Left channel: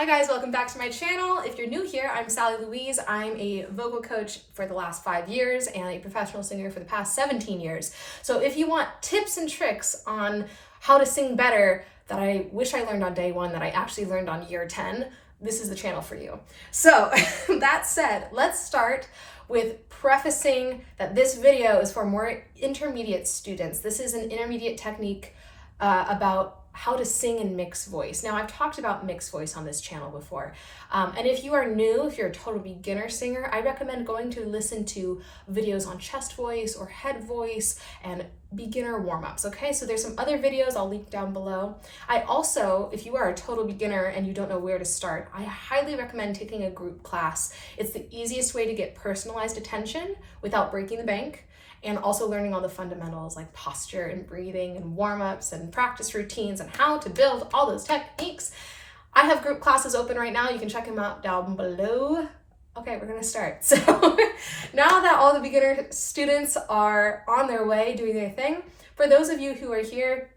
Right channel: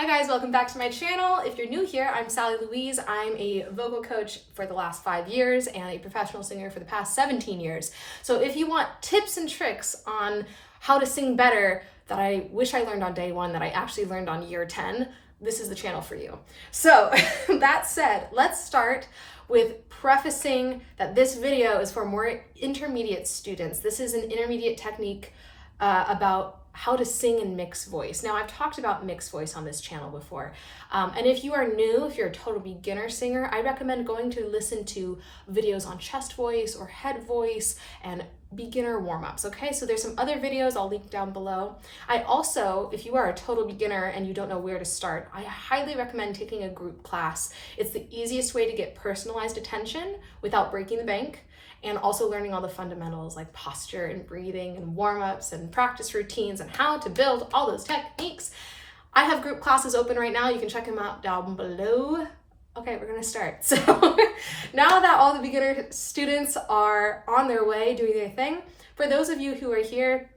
Hi guys, welcome back to my channel. If you're new here, I'm Sally Louise. I'm a vocal coach for the last 5 years and a professional singer for the past 17 years. So if you want tips and tricks on how to sing better that I wish I learned on day one, that I actually learned on year 10, this is the channel for you. So that said, let's start with prefacing that this video is for more intermediate students. This is an intermediate technique about how to sing in mixed voice. Now, I've talked about mixed voice on this channel before. And if you are new, if you're a total beginner singer, I recommend going to listen to videos on chest voice or head voice and beginner warm-ups, okay? So there's some other videos I'll link down below. I also, if you are a total beginner and you don't know where to start, I highly recommend taking a group class. It's the easiest way to get personalized attention without breaking the bank, and also learning all the fundamentals like posture and breathing and warm-ups and practice routines and how to build all those techniques. I have group classes open right now. You can check them out down below. Okay, we're gonna start. So now that all the beginner students are on their way doing their thing, for those of you who are here,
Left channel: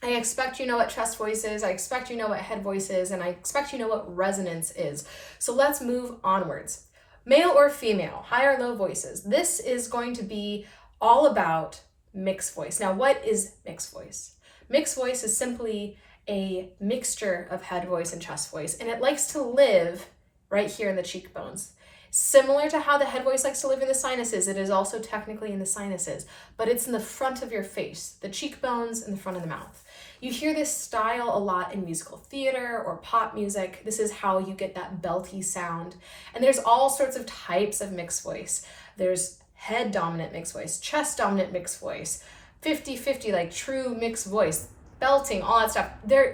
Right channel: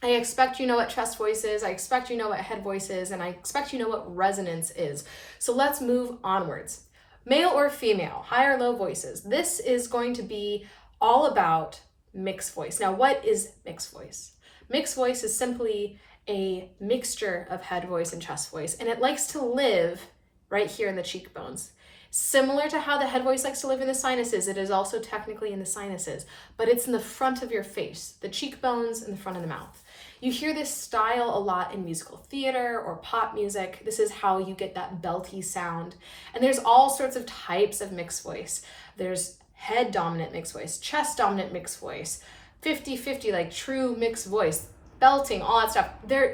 I expect you know what chest voice is, I expect you know what head voice is, and I expect you know what resonance is. So let's move onwards. Male or female, high or low voices. This is going to be all about mixed voice. Now, what is mixed voice? Mixed voice is simply a mixture of head voice and chest voice, and it likes to live right here in the cheekbones. Similar to how the head voice likes to live in the sinuses, it is also technically in the sinuses, but it's in the front of your face, the cheekbones and the front of the mouth. You hear this style a lot in musical theater or pop music. This is how you get that belty sound. And there's all sorts of types of mixed voice. There's head dominant mixed voice, chest dominant mixed voice, 50-50, like true mixed voice, belting, all that stuff.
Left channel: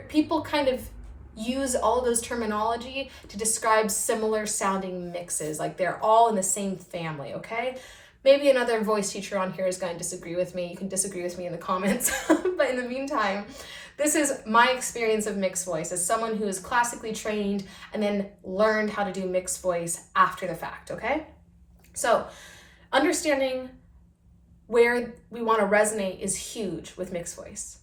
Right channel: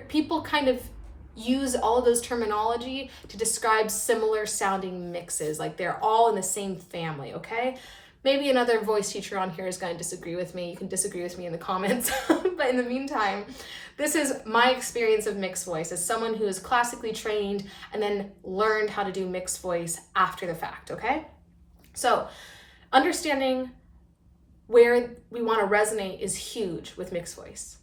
People kind of use all of those terminology to describe similar sounding mixes, like they're all in the same family, okay? Maybe another voice teacher on here is going to disagree with me. You can disagree with me in the comments. But in the meantime, this is my experience of mixed voice as someone who is classically trained and then learned how to do mixed voice after the fact, okay? So understanding where we want to resonate is huge with mixed voice.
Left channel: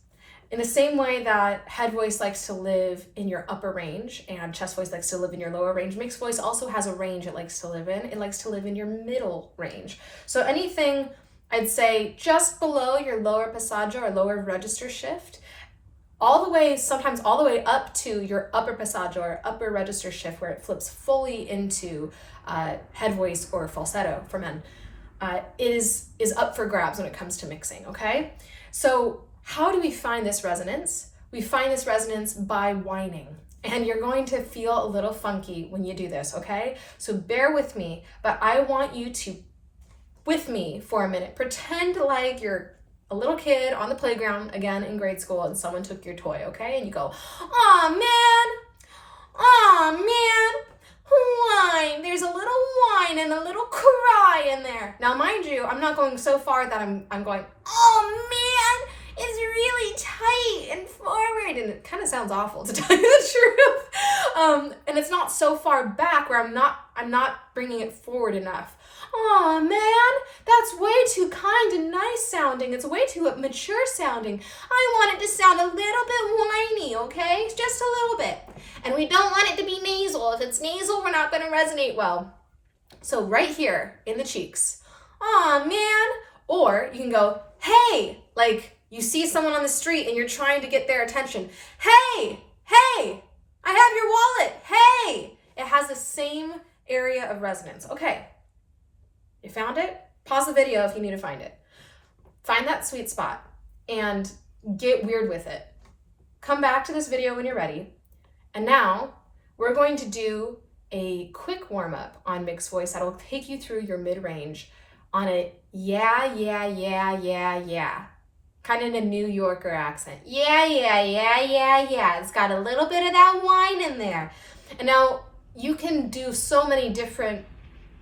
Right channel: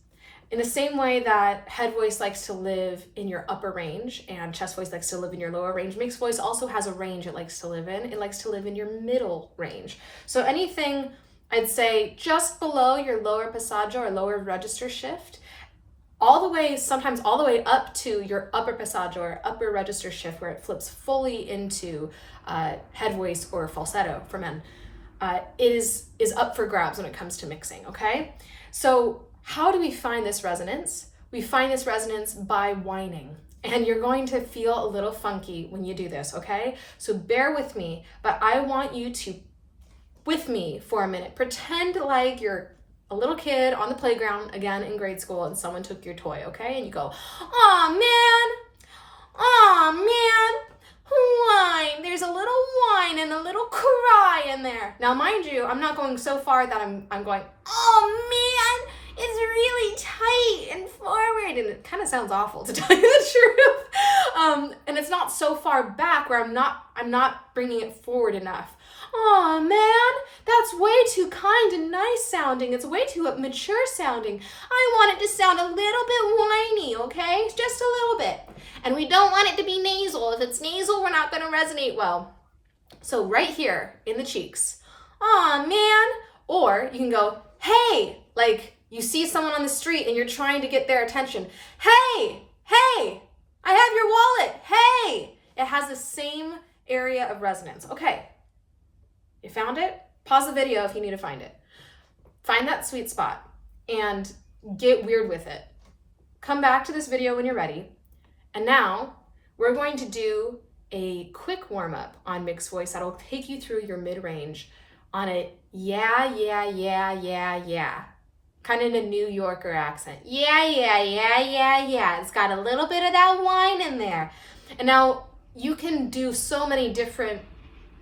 In the same way that head voice likes to live in your upper range and chest voice likes to live in your lower range, mixed voice also has a range it likes to live in. It likes to live in your middle range. So anything, I'd say, just below your lower passaggio or lower register shift, all the way, sometimes all the way up to your upper passaggio or upper register shift, where it flips fully into head voice or falsetto for men, is up for grabs when it comes to mixing, okay? So how do we find this resonance? We find this resonance by whining, and you're going to feel a little funky when you do this, okay? So bear with me, but I want you to, with me for a minute, pretend like you're a little kid on the playground, again in grade school, and someone took your toy, okay? And you go, "Aw, man, whine. There's a little whine and a little cry in there." Now, mind you, I'm not going so far that I'm going, "Oh man, it's really tight and forward," and it kind of sounds awful, to tell you the truth. And it's not so far back where I'm not bringing it forward enough. "Oh man, that's way too kind and nice sounding. It's way too mature sounding. I want it to sound a little bit whiny, okay? Just a little bit. And we don't want it to be nasal. If it's nasal, we're not going to resonate well." So right here in the cheeks, "Aw, man." Or you can go, "Hey," like you see someone on the street and you're trying to get their attention. "Hey, I have your wallet. Hey." It has the same area of resonance. Okay, you found it? Pause the video if you need to find it. Find that sweet spot and get weird with it. Come back to this video when you're ready. And now we're going to do a quick warm-up on mixed voice that'll take you through your mid-range on a yeah. Kind of in a New Yorker accent. Yeah. It's got a little bit of that whine in there. And now you can do so many different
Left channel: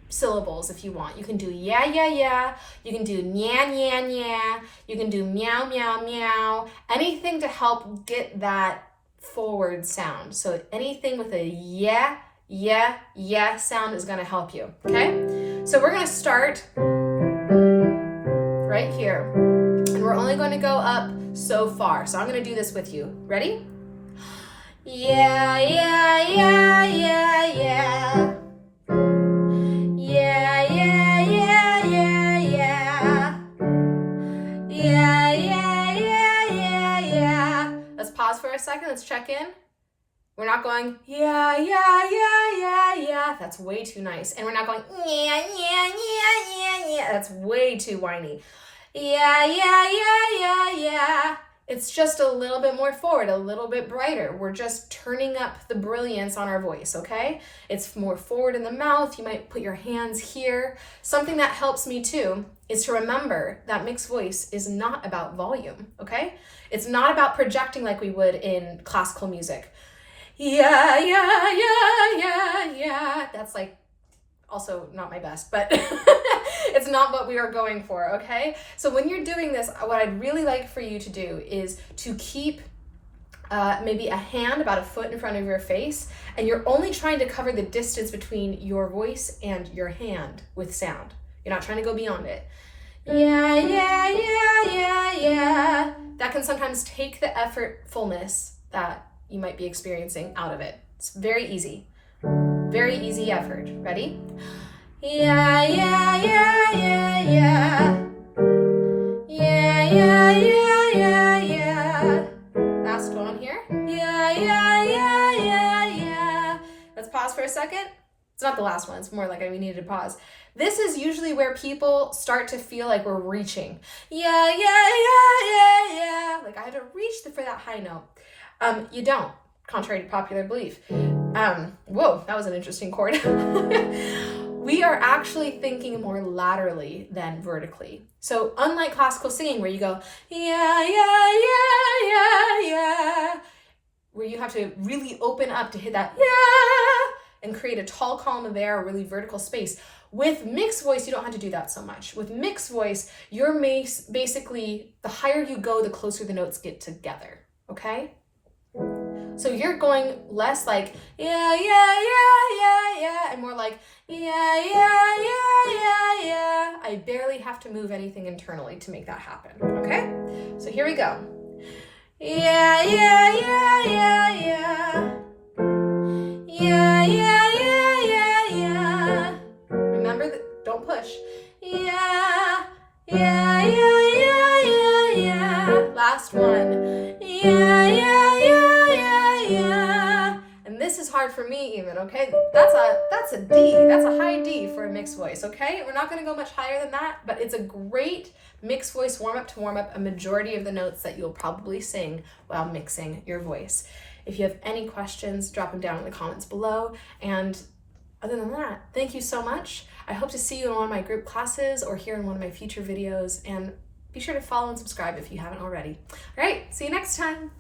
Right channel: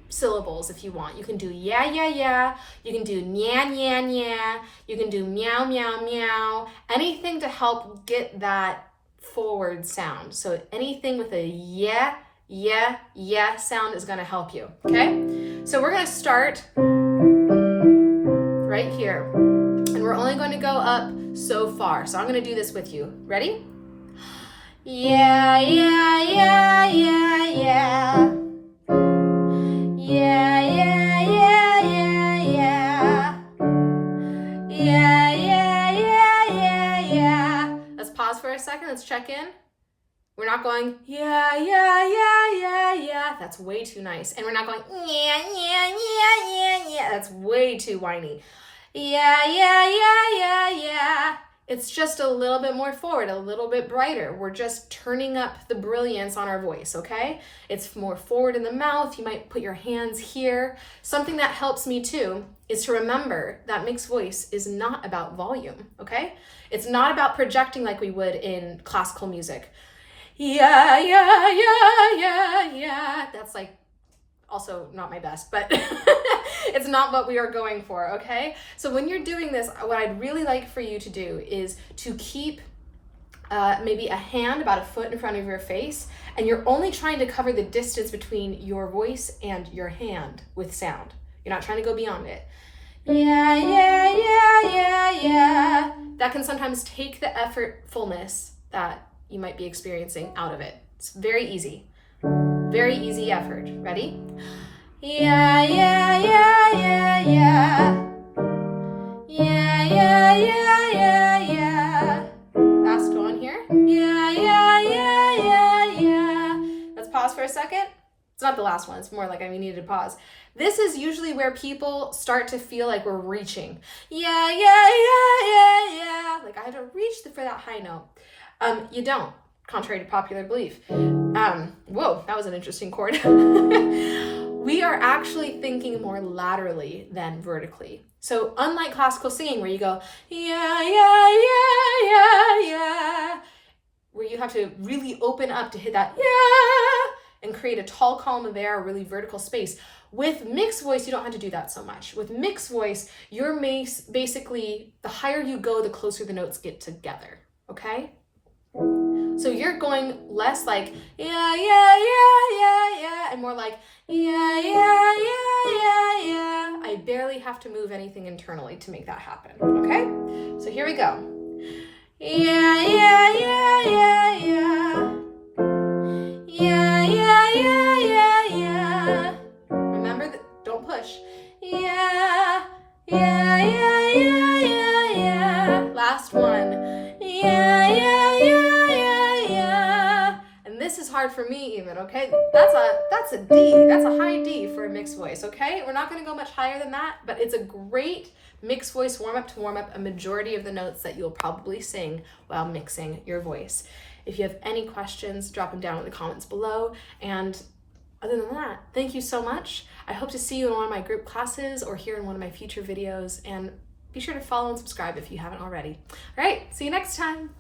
syllables if you want. You can do yeah. You can do nya. You can do meow. Anything to help get that forward sound. So anything with a yeah sound is going to help you, okay? So we're going to start right here, and we're only going to go up so far. So I'm going to do this with you. Ready? Yeah. let's check in. We're not going, yeah, yeah, yeah, yeah, yeah. That's way too nice. And we're not going, yeah, yeah, yeah, yeah, yeah. That's way too whiny. Yeah, yeah, yeah, yeah, yeah. It's just a little bit more forward, a little bit brighter. We're just turning up the brilliance on our voice, okay? It's more forward in the mouth. You might put your hands here. Something that helps me too is to remember that mixed voice is not about volume, okay? It's not about projecting like we would in classical music. Yeah, yeah, yeah, yeah, yeah. That's like also not my best, but it's not what we are going for, okay? So when you're doing this, what I'd really like for you to do is to keep maybe a hand about a foot in front of your face, and you're only trying to cover the distance between your voice and your hand with sound. You're not trying to go beyond it. Yeah, yeah, yeah, yeah, yeah. That can sometimes take the effortfulness that you might be experiencing out of it. It's very easy effort. Ready? Yeah, yeah, yeah, yeah, yeah. Yeah, yeah, yeah, yeah, yeah. Last one here. Yeah, yeah, yeah, yeah, yeah. Let's pause for a second. It's not the last one. It's more like we needed to pause. This is usually where people start to feel like we're reaching. Yeah, yeah, yeah, yeah, yeah. Like I had to reach for that high note. You don't, contrary to popular belief. Whoa, that was an interesting chord. We are actually thinking more laterally than vertically. So unlike classical singing where you go, yeah, yeah, yeah, yeah, yeah, where you have to really open up to hit that yeah, and create a tall column of air, a really vertical space. With mixed voice, you don't have to do that so much. With mixed voice, you're basically, the higher you go, the closer the notes get together, okay? So you're going less like, yeah, yeah, yeah, yeah, yeah, and more like, yeah, yeah, yeah, yeah, yeah. I barely have to move anything internally to make that happen, okay? So here we go. Yeah, yeah, yeah, yeah, yeah. Yeah, yeah, yeah, yeah, yeah. Remember that, don't push. Yeah, yeah, yeah, yeah, yeah, yeah. Last one. Yeah, yeah, yeah, yeah, yeah. And this is hard for me even, okay? That's a D. That's a high D for a mixed voice, okay? We're not gonna go much higher than that, but it's a great mixed voice warm up to warm up a majority of the notes that you'll probably sing while mixing your voice. If you have any questions, drop them down in the comments below. And other than that, thank you so much. I hope to see you in one of my group classes or here in one of my future videos. And be sure to follow and subscribe if you haven't already. All right, see you next time.